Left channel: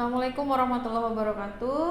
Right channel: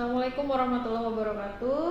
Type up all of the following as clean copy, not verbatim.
Assalamualaikum warahmatullahi wabarakatuh.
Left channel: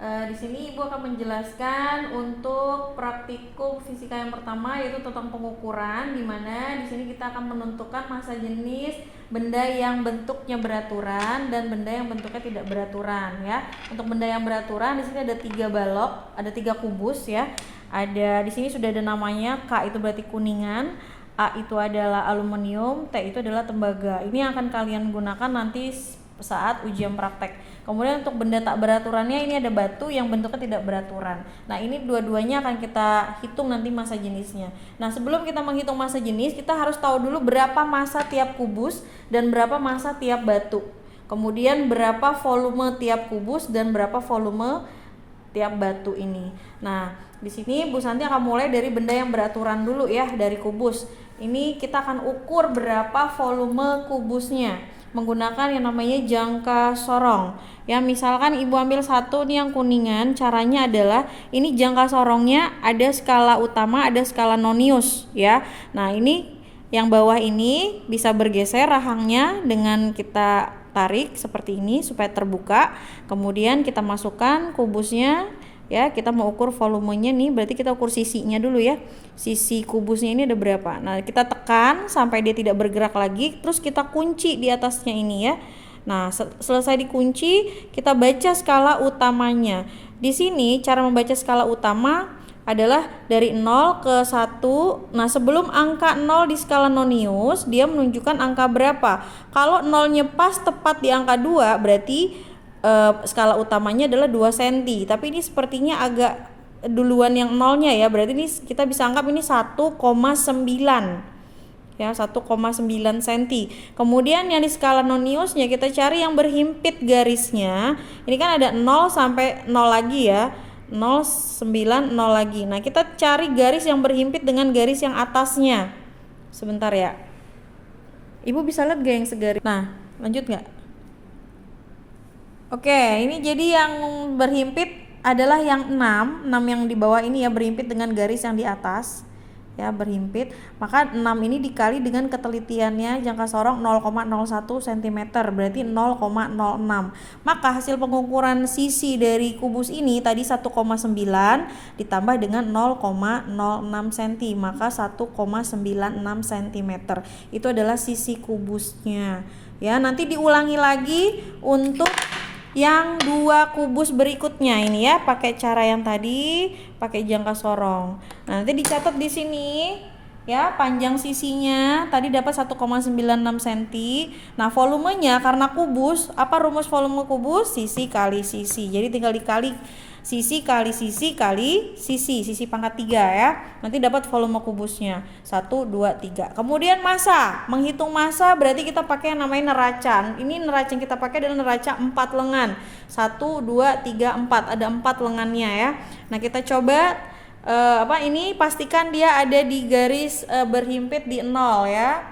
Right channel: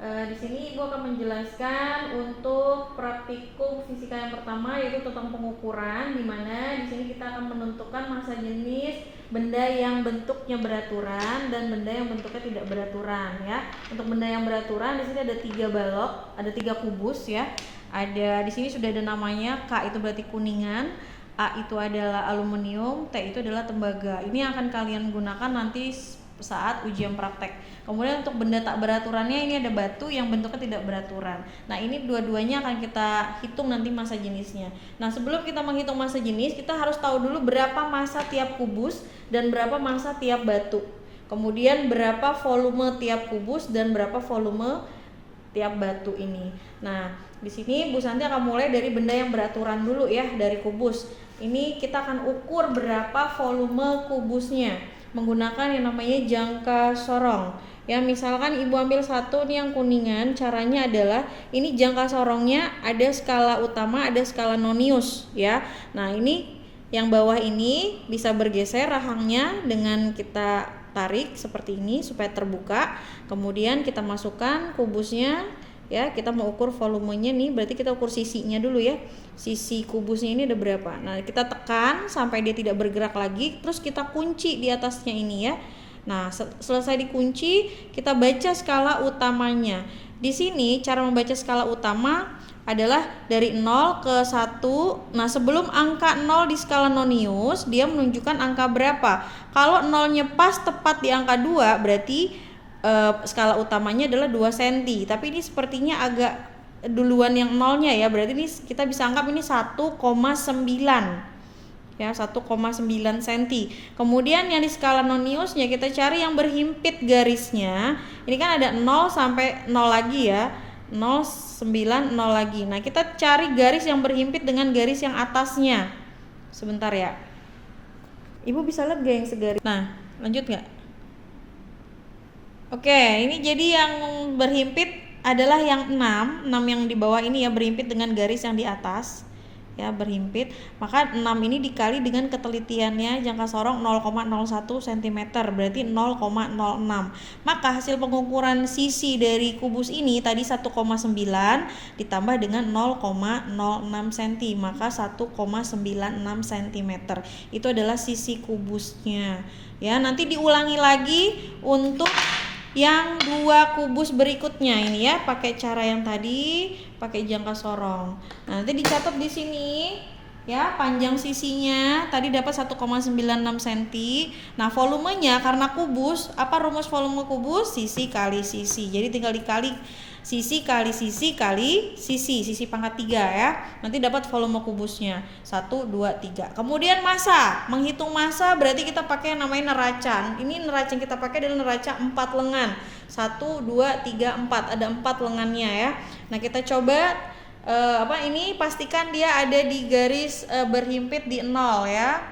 Di sini Ibu akan menjelaskan untuk praktikum fisika yang pertama, yaitu tentang pengukuran, di mana di sini kita akan menentukan massa jenis benda yang bentuknya beraturan dan benda yang bentuknya tidak beraturan, ya. Untuk benda yang beraturan di sini ada 3 balok, ada 3 kubus, ya. Ada di sini sudah ada namanya. K itu berarti kuningan, A itu adalah aluminium, T itu adalah tembaga. Ini yang akan kalian gunakan nanti saat ujian praktek. Kemudian untuk benda tak beraturannya ini ada batu yang bentuknya tidak beraturan. Nah, ini dua-duanya akan kita hitung nanti massa jenisnya. Nah, sebelum kita menghitung massa jenis, kita harus tahu dulu berapa massa tiap kubus dan berapa massa tiap batu. Kemudian berapa volume tiap kubus dan berapa volume tiap batu ini. Nah, di sini Bu Santi akan mulai dari benda yang beraturan dulu, ya, dari kubus. Ini kita akan ukur berapa volume kubusnya menggunakan yang namanya jangka sorong. Ya, misalkan Ibu ambil satu nih yang kuningan, caranya adalah ini jangka sorongnya ada skala utama, ada skala nonius, ya. Nah, ini yang bawah ini bisa bergeser rahangnya dengan kita tarik seperti ini supaya terbuka. Kemudian kita masukkan kubusnya, ya. Kita mau ukur volumenya nih, berarti kita ukur sisinya dulu, ya. Sisi kubusnya ini ada berapa. Nah, kita tekan sampai dia tidak bergerak lagi, terus kita kunci di atasnya ini, ya. Nah, selesai dikunci, kita baca skala utamanya. Di sini cara membaca skala utama adalah dari 0 ke 1. Nah, sebelum angka 0 di skala nonius, dia menunjukkan angka berapa. Kalau 0-nya pas tepat di angka 2, berarti skala utamanya adalah 2 cm. Tapi ini sepertinya agak duluan yang 0-nya, ya. Berarti ini kita bisa anggap ini 1,9. Ya, 1,9 cm. Kemudian yang di skala noniusnya kita cari yang berhimpit garisnya. Ini kan ada 0 sampai 0 lagi, ya. 0, 9, 0 lagi. Nah, kita cari garis yang berhimpit dengan garis yang atasnya. Sebentar, ya. Ibu bisa lihat gak yang segaris? Nah, lanjut gak? Oke, ini jadi yang berhimpit adalah yang 6 yang di bawah ini, ya, berhimpit dengan garis yang di atas, ya, berhimpit. Maka 6 ini dikali dengan ketelitiannya jangka sorong 0,01 cm, berarti 0,06. Maka hasil pengukuran sisi dari kubus ini tadi 1,9 ditambah dengan 0,06 cm, maka 1,96 cm. Itu adalah sisi kubusnya. Ya, nanti diulangi lagi untuk yang 2 kubus berikutnya ini, ya, pakai cara yang tadi, pakai jangka sorong. Nah, nanti dicatat di sini, ya, panjang sisinya tadi dapat 1,96 cm. Nah, volumenya karena kubus, apa rumus volume kubus? Sisi kali sisi. Jadi tinggal dikali sisi kali sisi kali sisi pangkat 3, ya. Nanti dapat volume kubusnya 1, 2, 3. Kemudian massa, menghitung massa berarti kita pakai yang namanya neraca. Ini neraca yang kita pakai adalah neraca 4 lengan. 1, 2, 3, 4. Ada 4 lengannya, ya. Nah, kita coba ini pastikan dia ada di garis berhimpit di 0, ya.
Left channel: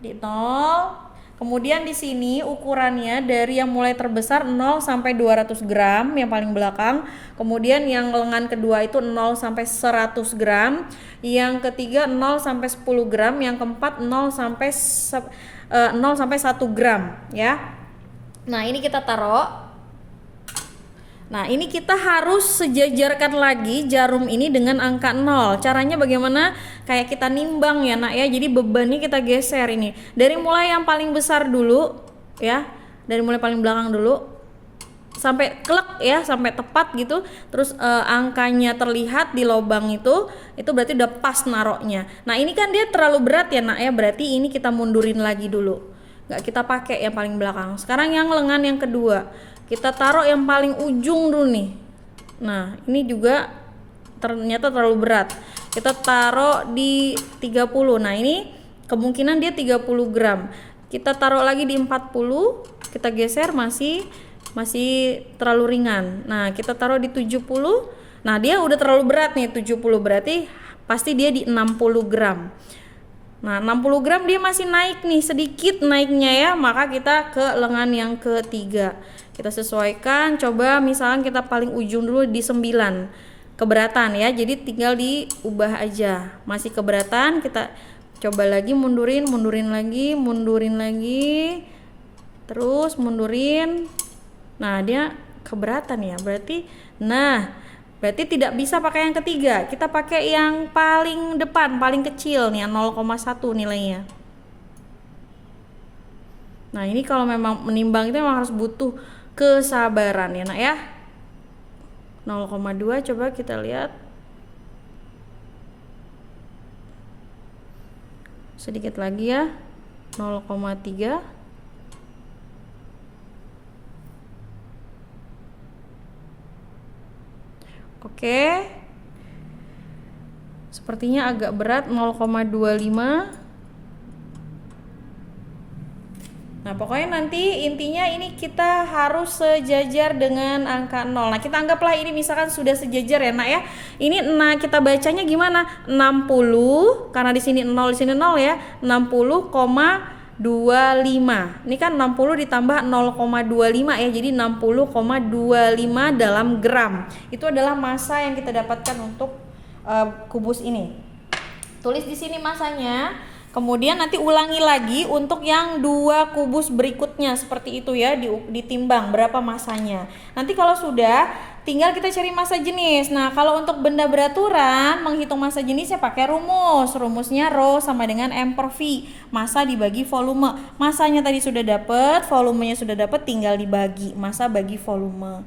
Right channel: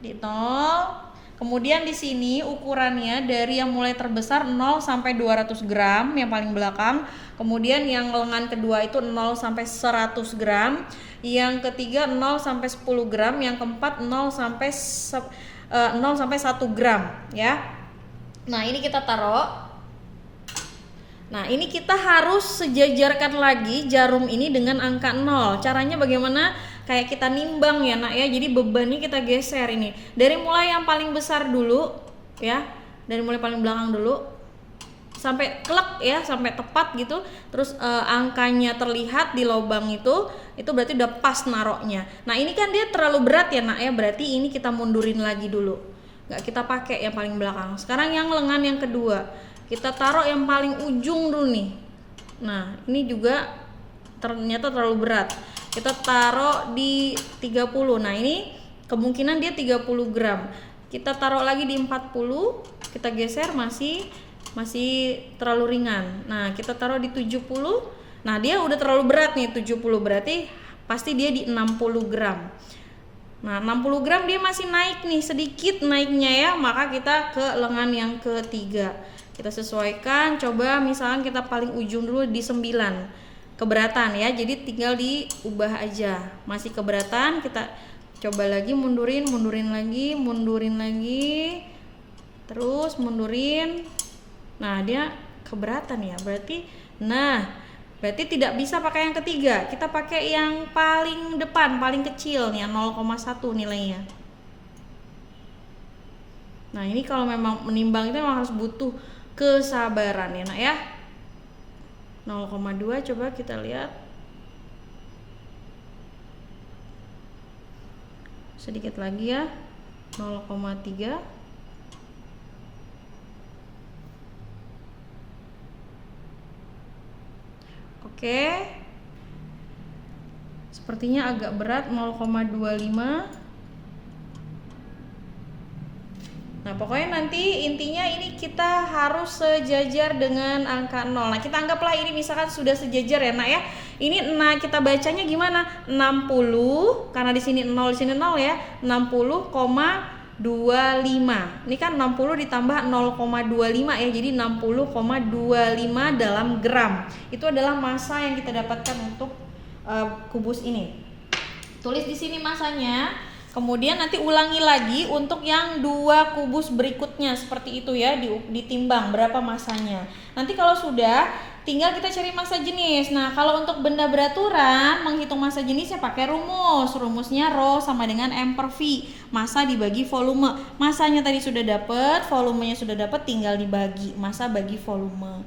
Di 0. Kemudian di sini ukurannya dari yang mulai terbesar 0 sampai 200 gram yang paling belakang. Kemudian yang lengan kedua itu 0 sampai 100 gram. Yang ketiga 0 sampai 10 gram. Yang keempat 0 sampai 1 gram, ya. Nah, ini kita taruh. Nah, ini kita harus sejajarkan lagi jarum ini dengan angka 0. Caranya bagaimana? Kayak kita nimbang, ya, Nak, ya. Jadi bebannya kita geser ini. Dari mulai yang paling besar dulu, ya. Dari mulai paling belakang dulu sampai klek, ya, sampai tepat gitu. Terus angkanya terlihat di lubang itu berarti udah pas naroknya. Nah, ini kan dia terlalu berat, ya, Nak, ya. Berarti ini kita mundurin lagi dulu. Nggak kita pakai yang paling belakang. Sekarang yang lengan yang kedua. Kita taruh yang paling ujung dulu nih. Nah, ini juga ternyata terlalu berat. Kita taruh di 30. Nah, ini kemungkinan dia 30 gram. Kita taruh lagi di 40. Kita geser, masih terlalu ringan. Nah, kita taruh di 70. Nah, dia udah terlalu berat nih, 70. Berarti pasti dia di 60 gram. Nah, 60 gram dia masih naik nih, sedikit naiknya, ya. Maka kita ke lengan yang ketiga. Kita sesuaikan, coba misalkan kita paling ujung dulu di 9. Keberatan, ya. Jadi tinggal diubah aja. Masih keberatan, kita coba lagi mundurin lagi. Terus mundurin. Nah, dia keberatan ya. Berarti tidak bisa pakai yang ketiga. Kita pakai yang paling depan, paling kecil nih, 0,1 nilainya. Nah, ini kalau memang menimbang itu memang harus butuh kesabaran ya, Nak ya. 0,2 coba kita lihat. Sedikit lagi ya. 0,3. Oke. Sepertinya agak berat, 0,25. Nah, pokoknya nanti intinya ini kita harus sejajar dengan angka 0. Nah, kita anggaplah ini misalkan sudah sejajar ya, Nak ya. Ini nah kita bacanya gimana? 60 karena di sini 0 di sini 0 ya. 60,25. Ini kan 60 ditambah 0,25 ya. Jadi 60,25 dalam gram. Itu adalah massa yang kita dapatkan untuk kubus ini. Tulis di sini massanya. Kemudian nanti ulangi lagi untuk yang 2 kubus berikutnya seperti itu ya, ditimbang berapa massanya. Nanti kalau sudah, tinggal kita cari massa jenis. Nah, kalau untuk benda beraturan, menghitung massa jenisnya pakai rumus. Rumusnya Rho sama dengan M per V. Massa dibagi volume. Massanya tadi sudah dapat, volumenya sudah dapat, tinggal dibagi. Massa bagi volume.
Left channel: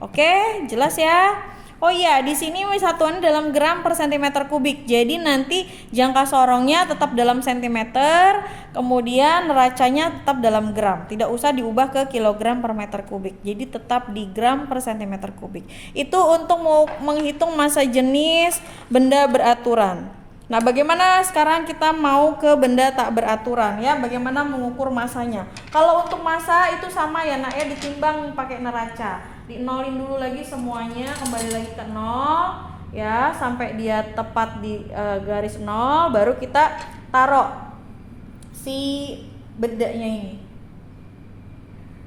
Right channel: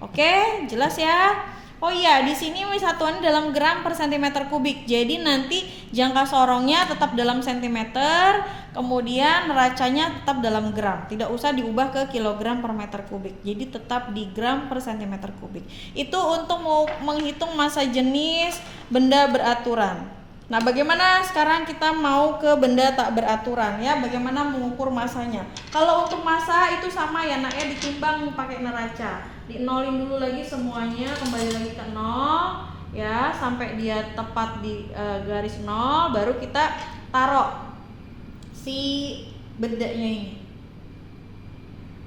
Oke, jelas ya? Oh iya, di sini satuannya dalam gram per cm kubik. Jadi nanti jangka sorongnya tetap dalam sentimeter, kemudian neracanya tetap dalam gram. Tidak usah diubah ke kilogram per meter kubik. Jadi tetap di gram per cm kubik. Itu untuk menghitung massa jenis benda beraturan. Nah, bagaimana sekarang kita mau ke benda tak beraturan ya? Bagaimana mengukur massanya? Kalau untuk massa itu sama ya, Nak ya, ditimbang pakai neraca. Di-nolin dulu lagi semuanya, kembali lagi ke 0 ya, sampai dia tepat di garis 0, baru kita taruh si bendanya ini.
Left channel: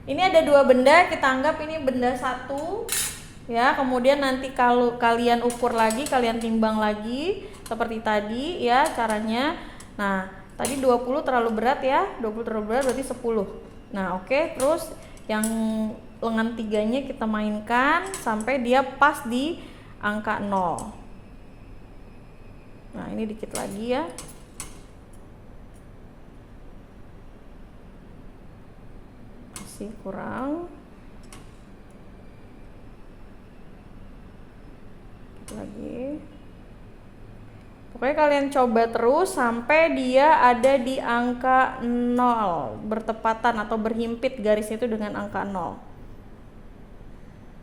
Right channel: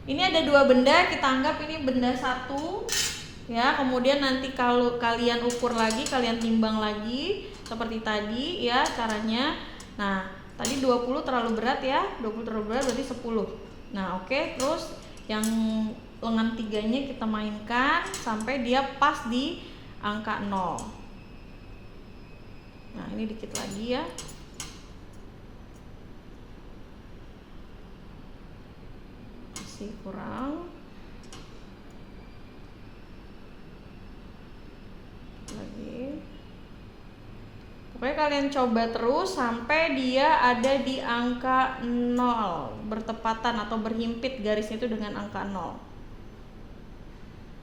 Ini ada 2 benda, kita anggap ini benda 1 ya. Kemudian nanti kalau kalian ukur lagi, kalian timbang lagi seperti tadi ya caranya. Nah, tadi 20 terlalu berat ya, 20 terlalu berat berarti 10. Nah, oke, terus yang lengan 3-nya kita mainkan sampai dia pas di angka 0. Nah, ini dikit lagi ya. Masih kurang. Lagi. Pokoknya kalian coba terus sampai dia ada di angka 0, bertepatan atau berhimpit garis itu dengan angka 0.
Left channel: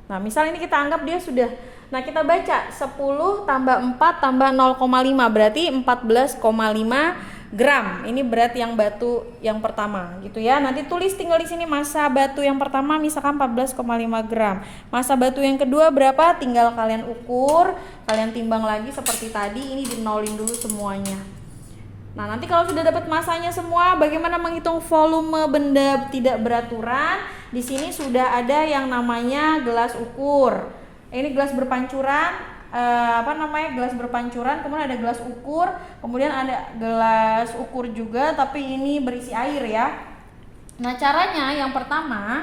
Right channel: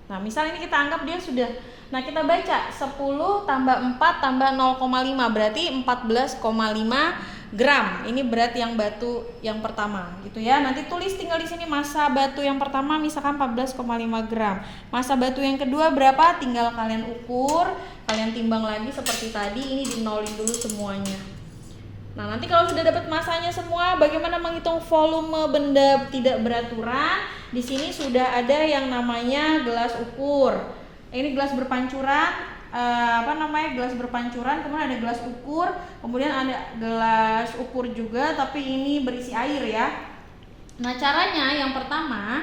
Nah, misal ini kita anggap dia sudah. Nah, kita baca 10 tambah 4 tambah 0,5 berarti 14,5 gram. Ini berat yang batu yang pertama gitu ya. Nanti tulis tinggal di sini massa batu yang pertama misalkan 14,5 gram. Massa batu yang kedua berapa? Tinggal kalian ukur, kalian timbang lagi seperti tadi. Ini dinolin dulu semuanya. Nah, nanti kalau sudah dapat massanya semua, bagaimana menghitung volume benda tidak beraturan? Di sini sudah ada yang namanya gelas ukur. Ini gelas berpancuran. Gelas berpancuran, kemudian ada gelas ukur, kemudian ada gelas ukur juga tapi ini berisi air ya. Nah, caranya yang pertama,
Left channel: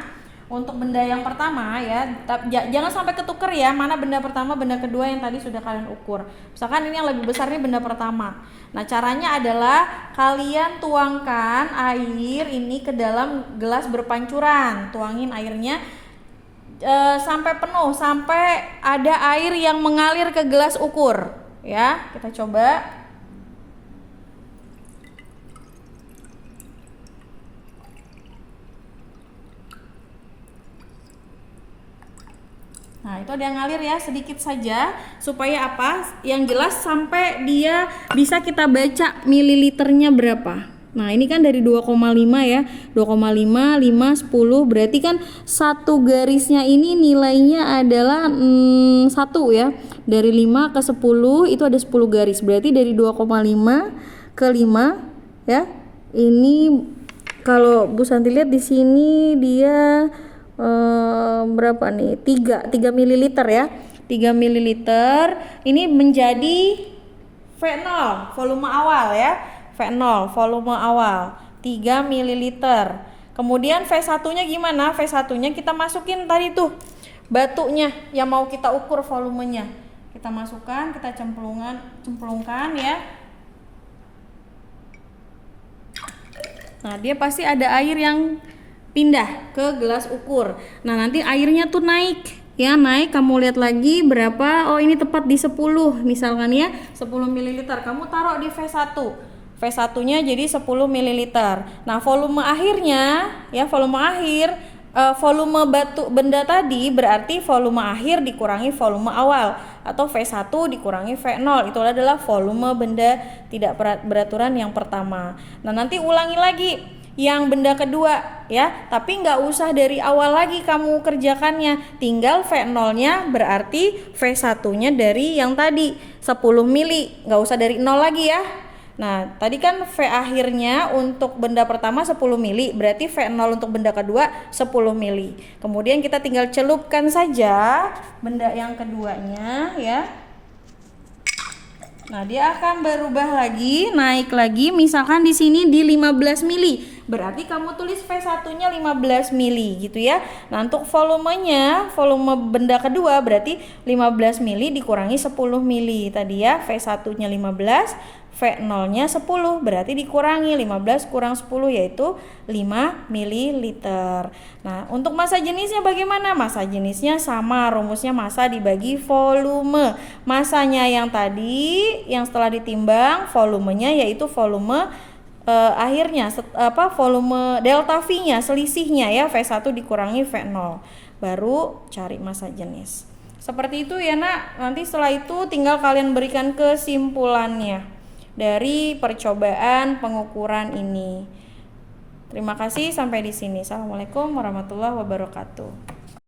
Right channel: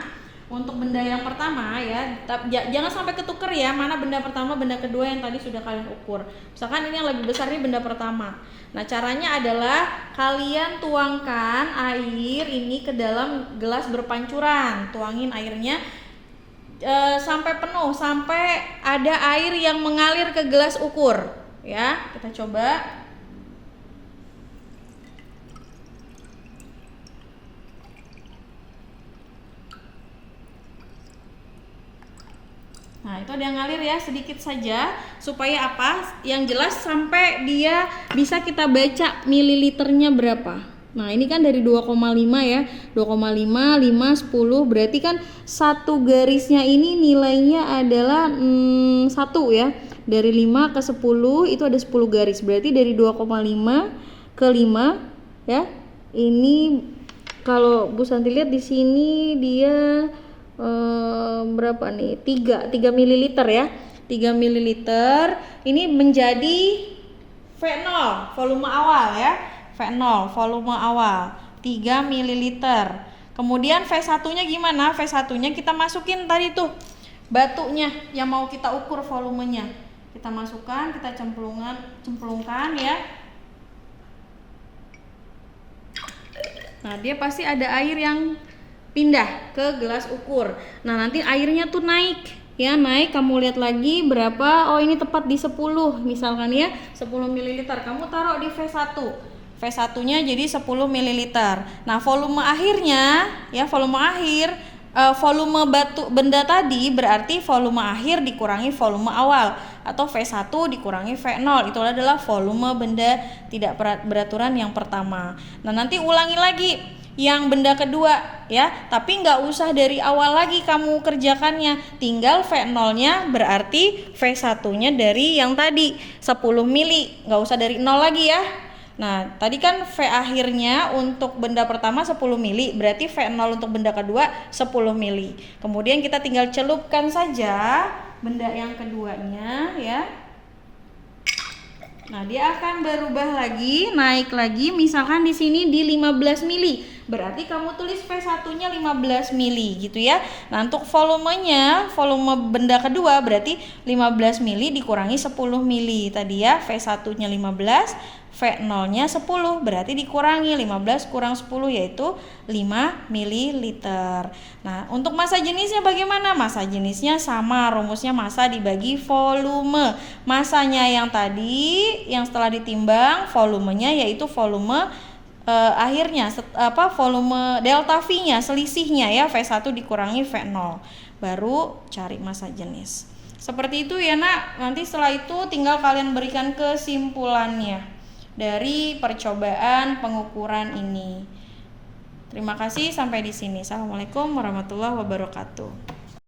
untuk benda yang pertama ya, jangan sampai ketuker ya, mana benda pertama, benda kedua yang tadi sudah kalian ukur. Misalkan ini yang lebih besar, ini benda pertama. Nah, caranya adalah kalian tuangkan air ini ke dalam gelas berpancuran. Tuangin airnya sampai penuh, sampai ada air yang mengalir ke gelas ukur ya. Kita coba. Nah, itu ada yang ngalir ya, sedikit saja supaya apa? Yang jelas sampai dia bisa kita baca mililiternya berapa. Nah, ini kan dari 2,5 ya. 2,5, 5, 10 berarti kan satu garisnya ini nilainya adalah 1 ya. Dari 5 ke 10 itu ada 10 garis. Berarti dari 2,5 ke 5 ya. Ini kalau Bu Santi lihat di sini dia berapa nih? 3 ml ya. 3 ml ini menjadi V0 volume awal ya. V0 volume awal 3 ml. Kemudian V1-nya gimana? V1-nya kita masukin tadi tuh batunya yang mau kita ukur volumenya. Kita masukkan, kita cemplungkan ya. Nah, dia pasti ada air yang pindah ke gelas ukur. Nah, nanti airnya tuh naik. Ya, naik, kamu lihat lagi berapa. Oh, ini tepat di 10 misalkan ya, 10 ml. Kamu taruh di V1. V1-nya jadi 10 ml. Nah, volume akhirnya ya, volume akhir volume benda tadi berarti volume akhir dikurangi volume awal, atau V1 dikurangi V0, itu adalah volume benda tidak beraturan yang pertama. Nah, nanti ulangi lagi yang benda kedua ya, tapi nggak usah dari awal lagi kamu kerjakannya, tinggal V0-nya berarti V1-nya dari yang tadi 10 mili, nggak usah dari 0 lagi ya. Nah, tadi kan V akhirnya untuk benda pertama 10 mili, berarti V0 untuk benda kedua 10 mili. Kemudian kita tinggal celupkan saja benda yang keduanya ya. Nah, dia akan berubah lagi, naik lagi, misalkan di sini di 15 mili. Berarti kamu tulis V1-nya 15 mili gitu ya. Nah, untuk volumenya, volume benda kedua berarti 15 mili dikurangi 10 mili. Tadi ya, V1-nya 15, V0-nya 10, berarti dikurangi 15 kurang 10 yaitu 5 ml. Nah, untuk massa jenisnya bagaimana? Massa jenisnya sama, rumusnya massa dibagi volume. Massanya yang tadi, yang setelah ditimbang, volumenya yaitu volume akhirnya, volume delta V-nya, selisihnya ya, V1 dikurangi V0. Baru cari massa jenis. Seperti itu ya nak. Nanti setelah itu tinggal kalian berikan kesimpulannya dari percobaan pengukuran ini. Terima kasih, sampai di sini. Assalamualaikum warahmatullahi wabarakatuh.